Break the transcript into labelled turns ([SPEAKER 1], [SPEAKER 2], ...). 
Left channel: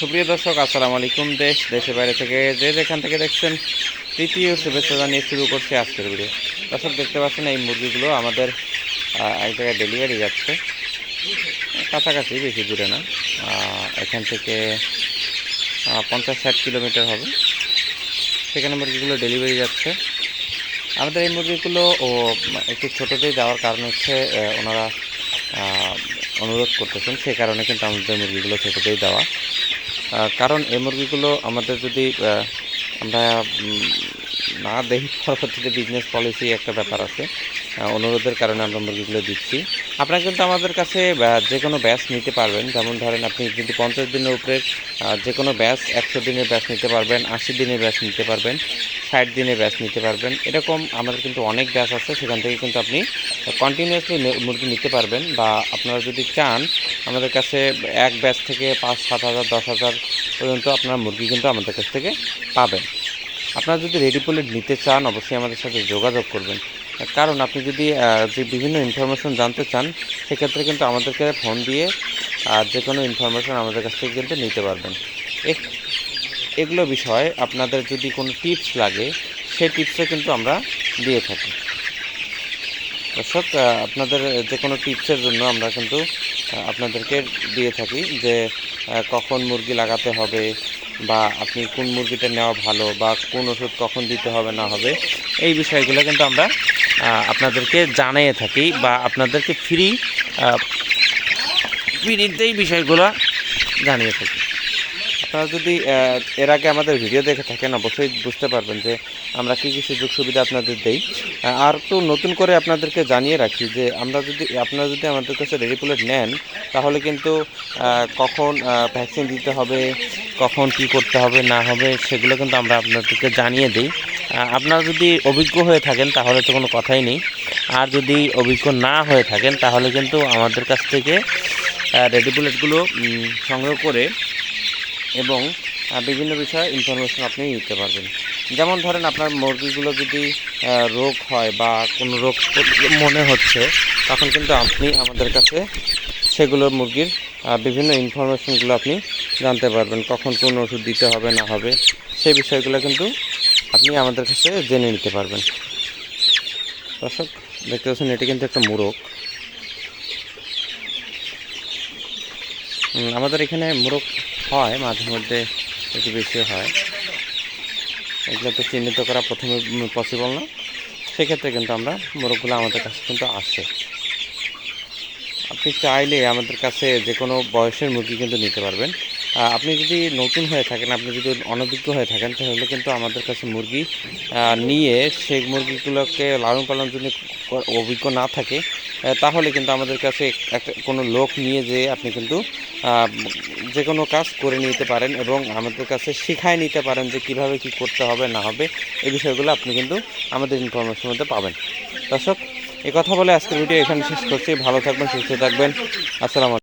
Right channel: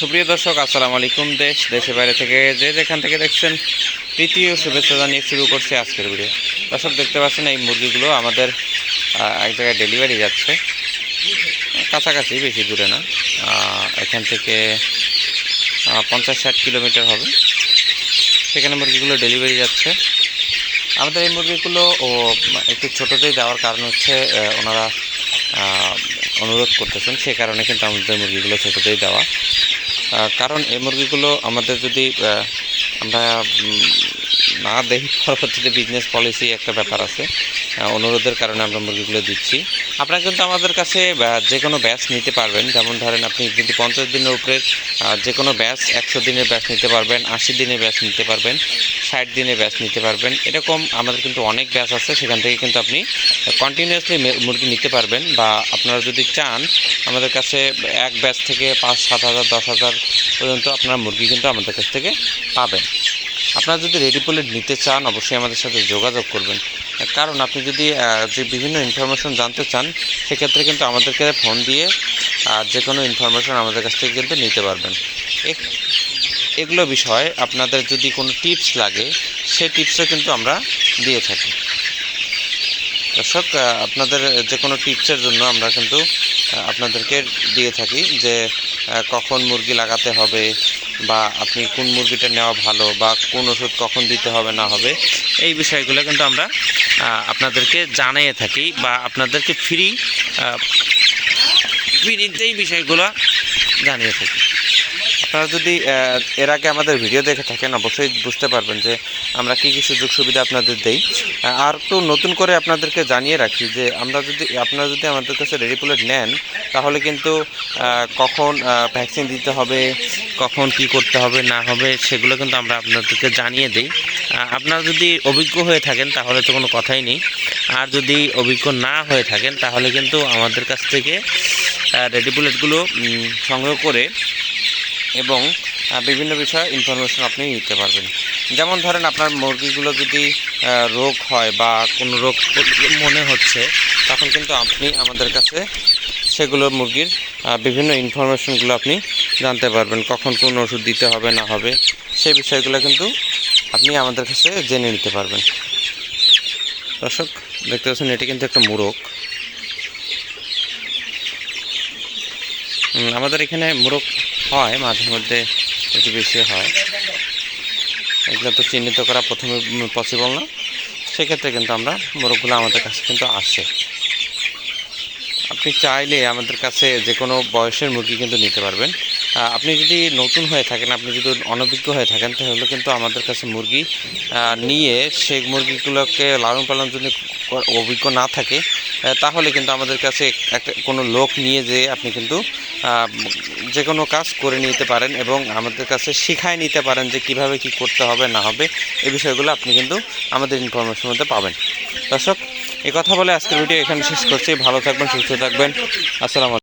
[SPEAKER 1] সুপ্রিয় দর্শক, আসসালামু আলাইকুম। দেশ, দেশের বাইরে থেকে যে যেখান থেকে দেখছেন তৃতীয় শুভেচ্ছা জানিয়ে শুরু করছে আজকের ভিডিও দর্শক, দেখতে পাচ্ছেন এই মুরগিগুলো আমাদের এক জায়গায় ডেলিভারি যাচ্ছে। কাছাকাছি, বেশি দূরে না। এখান থেকে পঞ্চাশ ষাট কিলোমিটার হবে। সেখানে মুরগিগুলো ডেলিভারি যাচ্ছে। আমাদের এই মুরগিগুলো ও, একটু ছোটোতেই দেওয়ার কারণ হচ্ছে ওনারা অনুরোধ করতেছেন। সে কারণে কিন্তু আমাদের মুরগিগুলো ছোটোতেই দেওয়া কারণ এই মুরগিগুলো আমাদের যদি আমরা না দেখি পরবর্তীতে বিজনেস পলিসি একটা ব্যাপার আছে। অনুরোধের কারণে আমরা মুরগিগুলো দিচ্ছি। আপনারা কিন্তু আমাদের কাছে যে কোনো ব্যাচ নিতে পারবেন। যেমন ধরেন আপনি যদি পঞ্চাশ দিনের উপরে যে কোনো ব্যাচ একশো দিনের ব্যাচ নিতে পারবেন, আশি দিনের ব্যাচ নিতে পারবেন, ষাট দিনের ব্যাচ নিতে পারবেন। এরকম আমাদের কিন্তু অনেক ব্যাচ আছে। সেখান থেকে কিন্তু আপনি কন্টিনিউয়াসলি মুরগি নিতে পারবেন। বা আপনারা যদি চান, আমাদের কাছে এক ব্যাচ থেকে পাঁচ, সাত হাজার, দশ হাজার পর্যন্ত আপনারা মুরগি কিন্তু আমাদের কাছ থেকে পাবেন। আপনারা যদি রেডি পোলেট নিতে চান, অবশ্যই আমাদের সাথে যোগাযোগ করবেন। কারণ আপনি যদি যে বিভিন্ন ইনফরমেশন জানতে চান, সেক্ষেত্রে কিন্তু আমাদেরকে ফোন দিয়ে যে কোনো ইনফরমেশন আমাদের কাছ থেকে কিন্তু নিতে পারবেন। এগুলো বিষয় আপনাদের যদি কোনো টিপস লাগে, সেই টিপসও কিন্তু আমরা দিয়ে থাকি। দর্শক আপনাদের যে কোনো টিপসের জন্য আমরা কিন্তু আপনাদেরকে দিয়ে থাকি যে কখন মুরগি লাগাতে হবে বা আপনি কোন মুরগিটা নেওয়া ভালো বা কোন ওষুধ কখন দিতে হবে, না হবে, এই বিষয়গুলো কিন্তু আমরা আপনাদেরকে জানিয়ে থাকি বা আপনাদেরকে ফ্রি ফ্রিতে এই বিষয়গুলো জানিয়ে থাকি। আপনারা যদি এর আগে আমাদের ভিডিও দেখে থাকেন, অবশ্যই বুঝতে পারবেন যে আমরা কী কী সুযোগ সুবিধা আপনাদের দেই। আর একটু নতুন করে আপনাদেরকে জানিয়ে রাখি যে আমরা যদি, আপনারা যদি আমাদের কাছে রেডিপুলেট নেন, তাহলে কিন্তু কখন ভ্যাকসিন দিতে হবে, কখন কি করতে হবে, না হবে, সেগুলো কিন্তু আমরা আপনাদেরকে জানিয়ে দিই। আপনারা যদি অভিজ্ঞ হয়ে থাকেন, তাহলে তো কোনো কথাই নেই। আর যদি অভিজ্ঞ না হয়ে থাকেন, তাহলে কিন্তু আমাদের কাছ থেকে রেডি বুলেটগুলো সংগ্রহ করে এবং বিভিন্ন বিষয়ে ইনফরমেশন আপনি নিতে পারবেন। যেমন ধরেন আপনার মুরগিগুলো যদি রোগ হয় বা কোনো রোগ মনে হচ্ছে, তখন কিন্তু আপনি আমাদের কাছে সেগুলো মুরগির বিভিন্ন ইনফরমেশনগুলো আপনি জানতে পারবেন, কখন কোন ওষুধ দিতে হবে, না হবে, সেই বিষয়গুলো কিন্তু আপনি আমাদের কাছে জেনে নিতে পারবেন। দর্শক, দেখতে পাচ্ছেন, এটি কিন্তু একটা মোরগ। আমাদের এখানে মোরগ হয়, মাঝে মধ্যে একটু বেশি হয়। এগুলো তো চিহ্নিত করা প্রথমে পসিবল না। সেক্ষেত্রে কিন্তু আমরা মোরগগুলো আমাদের কাছে কিন্তু আসে। আপনি চাইলে আমাদের কাছে যে কোনো বয়সের মুরগি কিন্তু নিতে পারবেন। আপনি যদি নতুন হয়ে থাকেন, আপনি যদি অনভিজ্ঞ হয়ে থাকেন, তাহলে কিন্তু আমাদের কাছে মুরগি নিয়ে সেই মুরগিগুলোকে লালন পালন যদি অভিজ্ঞ না থাকে তাহলে কিন্তু আমাদের কাছে একটা, কোনো লোক নিয়ে যেয়ে আপনি কিন্তু যে কোনো কাজ করে নিতে পারেন এবং আমাদের কাছে শিখায় নিতে পারেন যে কীভাবে কি করতে হবে, না হবে, এই বিষয়গুলো আপনি কিন্তু আমাদের ইনফরমেশন মধ্যে পাবেন। দর্শক কথা বলে আজকের ভিডিও এখানে শেষ করছি। ভালো থাকবেন, সুস্থ থাকবেন। আসসালামু